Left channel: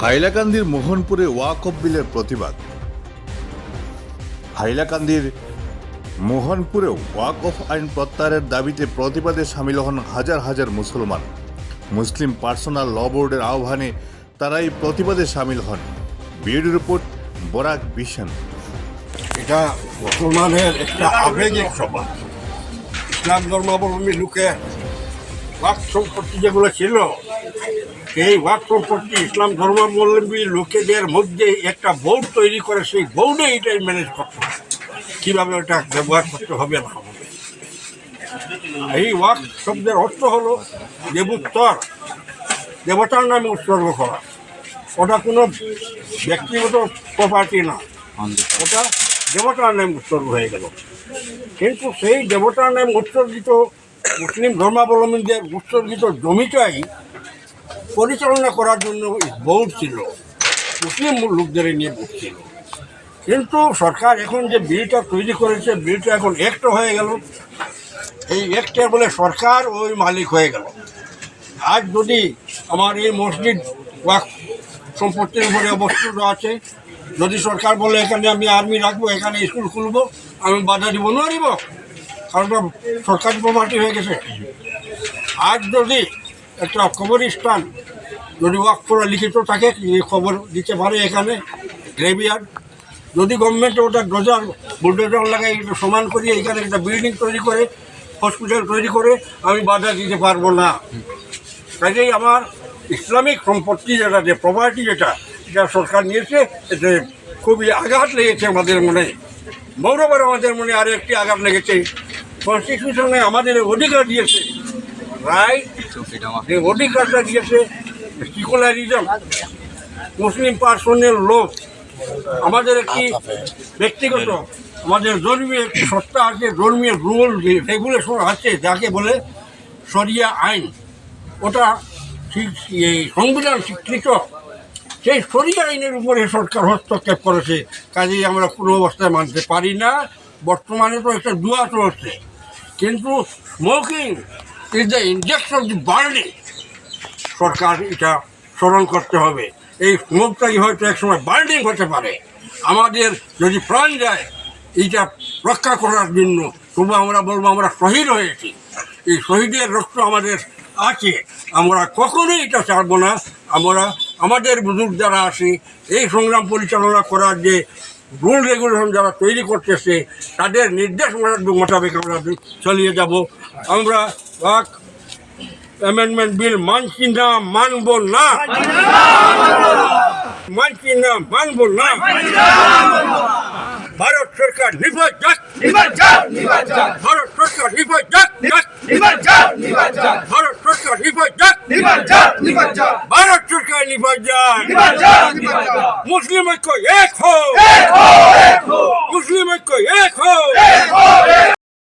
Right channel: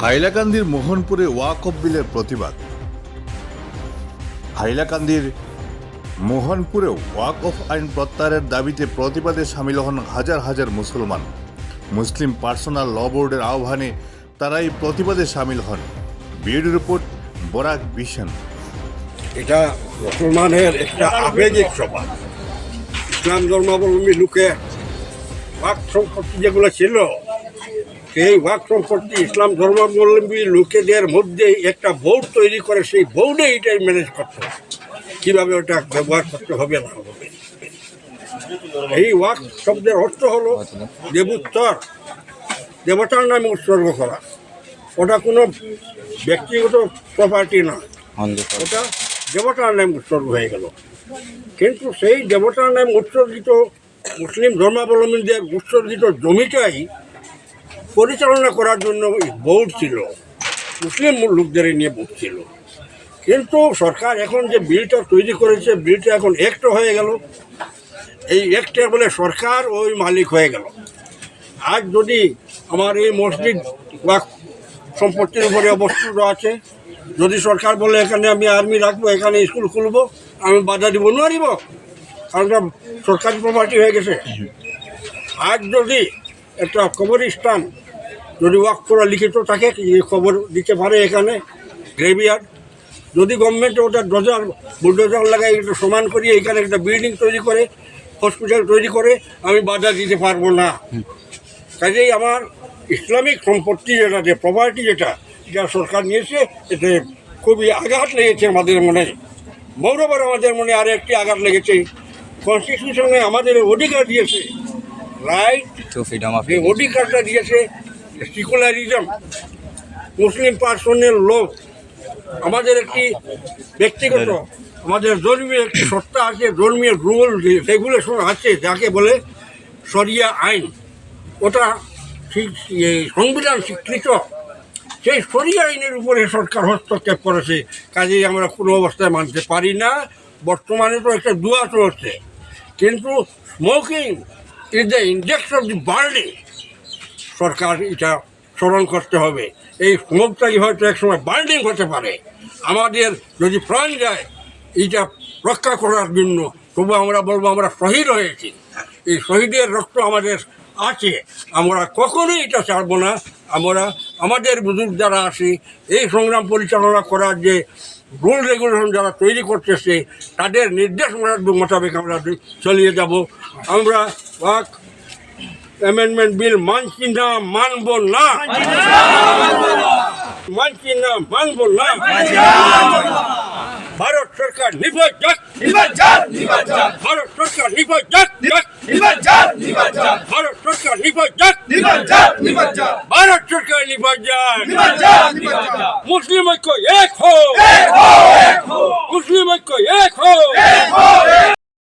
হাইলাকান্দির মোহনপুরে ওয়াকফ বিলের প্রতিবাদ। হাইলাকান্দির মোহনপুরেও ওয়াকফ আইন প্রত্যাহারের দাবিতে প্রতিবাদে সামিল হন হাজার হাজার মুসলমান। মুসলিম পার্সোনাল ল বোর্ডের আহ্বানে তারা এই প্রতিবাদে সামিল হন। বিউডি রিপোর্ট, বরাক বিশন এটা মুসলমানের একটা আবেগিক সভা। ইসলাম ধর্মাবলম্বী লোকে ওয়াক সম্পত্তি যেগুলো ছিল সেই ওয়াক সম্পত্তি ইসলাম ধর্মাবলম্বী লোকেদের মধ্যে একটা বোর্ড তৈরি করে, সেই বোর্ডে এটাই ম্যানেজ করতে হবে। কীভাবে ওটা ব্যবহার করতে হবে না হবে? এই ওয়াক শব্দের অর্থ হলো দেবোত্তর। দেবতার নামে উৎসর্গ করা। ওটা কোনো ব্যক্তিগত প্রপার্টি না। ওটা দেবতার নাম উৎসর্গ হয়ে গেল। কিন্তু সেই দেবতার নাম উৎসর্গিত মুসলিম ধর্মাবলম্বীদের উৎসর্গিত জমিটাই পরিচালনা করার জন্য বোর্ড ছিল। মুসলিম লোকদের নিয়ে বোর্ড ছিল। কিন্তু সরকার এখন যে বিলটা তৈরি করেছে, বিলটা এখন একটা হয়ে গেল। এই একটা বলে সরকার ওই মালিক হয়ে গেল। আজ যদি আমার এই মসজিদ বা সম্পত্তির উপরে অবস্থিত আছে, যদি সরকার বলে এখানে আমি আর্মি রাখব, এখানে স্কুল খুলবো, আমি বাধা দিব, না কারণ সরকারি প্রপার্টি হয়ে গেছে। আজ যদি একটা কবরস্থান যদি ওয়াক করা লিখিত থাকে এই খবর দিতে পারে এখানে গ্রেভিয়ার্ড। যদি গভর্নমেন্ট ওটা ডজার বুলডোজার লাগাই একটু সমান করি এখানে একটা বিল্ডিং তৈরি করে হসপিটাল তৈরি করে আমি বাধা দিতে পারব না। কাজেই আমার ইসলামিক সম্পত্তি যেটা যে প্রপার্টি যেটা যা সরকার নিয়েছে এতে খুবই আঘাত লেগেছে আমাদের মনে। মৌরবার আমাদের মনে আর একটি আঘাত লেগেছে। কনস্টিটিউশনে আমাদের অধিকার দিয়েছে। রাইট অধিকারটা দিয়েছে। সিকুলারিজম মুসলিম পার্সনের লোক আমাদের একটি ব্যক্তিগত, আমাদের ধর্মীয় একটি সত্তা আছে, ধর্মীয় রুল রেগুলেশন আছে, যাকে বলে সরিয়া আইন। ওটা সংবিধান স্বীকৃত। সেই সরিয়া আইনের উপরে সরকার হস্তক্ষেপ করেছে, কাজেই আমরা কোনো অবস্থায় মানতে পারি না। বর্তমানে তো একটা দুয়া চলছে। কিন্তু smoking is the index of the burning সরকার এটা স্মরণ করতে হবে। এই স্মোকটাই হয়তো একসময় বার্নিং হতে পারে। আমাদের যদি প্রাণ যায় এইটা রক্ষা করার জন্য তবু আমরা বলব আমরা শহীদ হয়েছি। এই শহীদের রক্ত আমাদের আছে। আমরা কখনোই এটা ছাড়বো না। আমরা, আমাদের বুজুর্গ যারা আছি, এই সংগ্রাম পরিচালনা করার যে রুল রেগুলেশন যারা তৈরি করতেছে, তাদের নির্দেশ মোতাবেক আমরা চালিয়ে যাব। আমরা অ্যামেন্ডমেন্ট বিল মানছি না মানব না মানছি না মানব না ভারত সরকার নির্ভর যাক ভারত সরকার নির্ভর যাক ভারত সরকার নির্ভর যাক ভারত সরকার নির্ভর মুসলিম ঐক্য এক হো মুসলিম ঐক্য এক হো